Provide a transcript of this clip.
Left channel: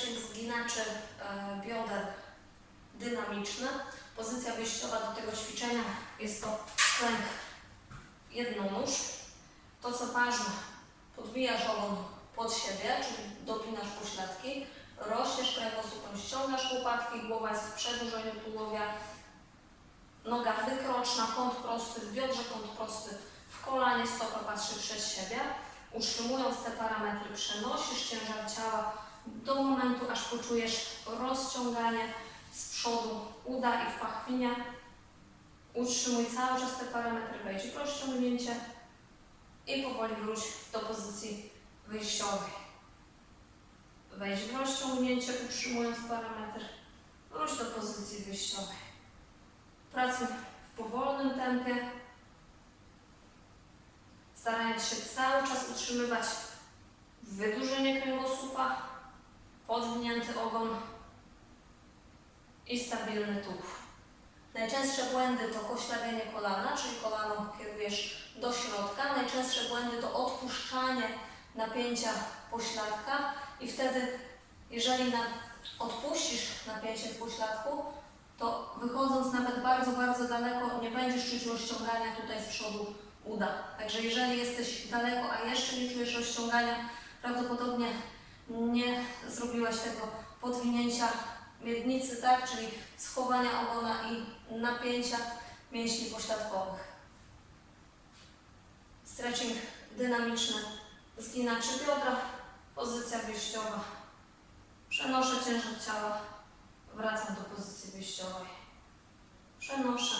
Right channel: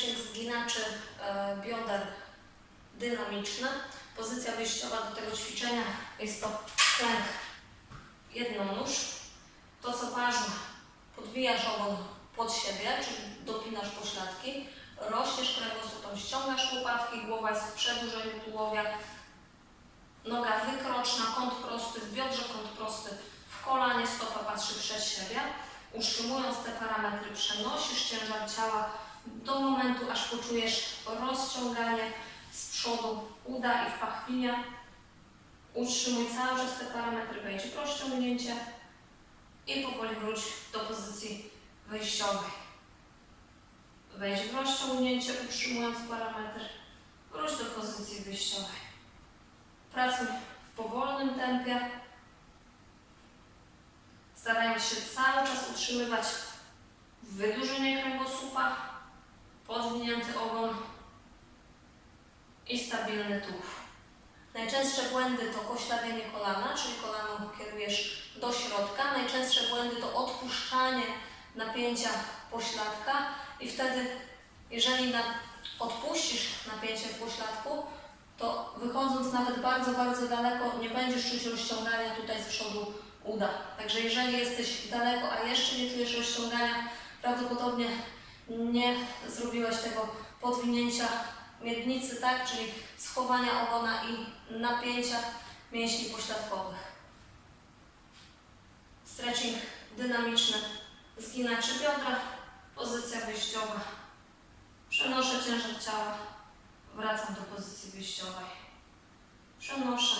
stretching zginaczy e, bioder dynamiczny. Pozycja wyjściowa do tego ćwiczenia jest to klęk jednonóż. To co ważne, podwijasz ogon pod siebie, czyli dopinasz pośladki, rośniesz kręgosłupem, ściągasz łopatki, głowa jest w przedłużeniu tułowia, noga wykroczna, kąt prosty, w biodrze kąt prosty, w kolanie stopa patrzy przed siebie. Utrzymując te parametry, przenosisz ciężar ciała do momentu, aż poczujesz rozciąganie z przodu uda i w pachwinie. Utrzymuj cały czas te parametry, wejdź w rozciągnięcie i powoli wróć do pozycji wyjściowej. Wejdź w rozciągnięcie, utrzymując parametr. Wróć do pozycji wyjściowej. Pracuj w powolnym tempie, starając się cały czas utrzymywać wydłużenie kręgosłupa, podwinięty ogon i stabilny tułów. Najczęstsze błędy to poślawienie kolana, czyli kolano kierujesz do środka. Najczęstsze błędy to odpuszczanie napięcia pośladka i wtedy, jeżeli na, odpuścisz napięcie w pośladku, to wychodząc nawet bardzo, bardzo daleko, nie będziesz czuć rozciągania tutaj z przodu uda. Także jeżeli jesteś daleko, a jeszcze nie czujesz rozciągania, prawdopodobnie nie zrobiłeś tego podwinięcia miednicy, tak? Czyli schowania ogona i napięcia mięśni pośladkowych. Stretching dynamiczny, zginaczy biodra, pozycja wyjściowa. Przenoszę ciężar ciała, wracam do pozycji wyjściowej. Przenoszę,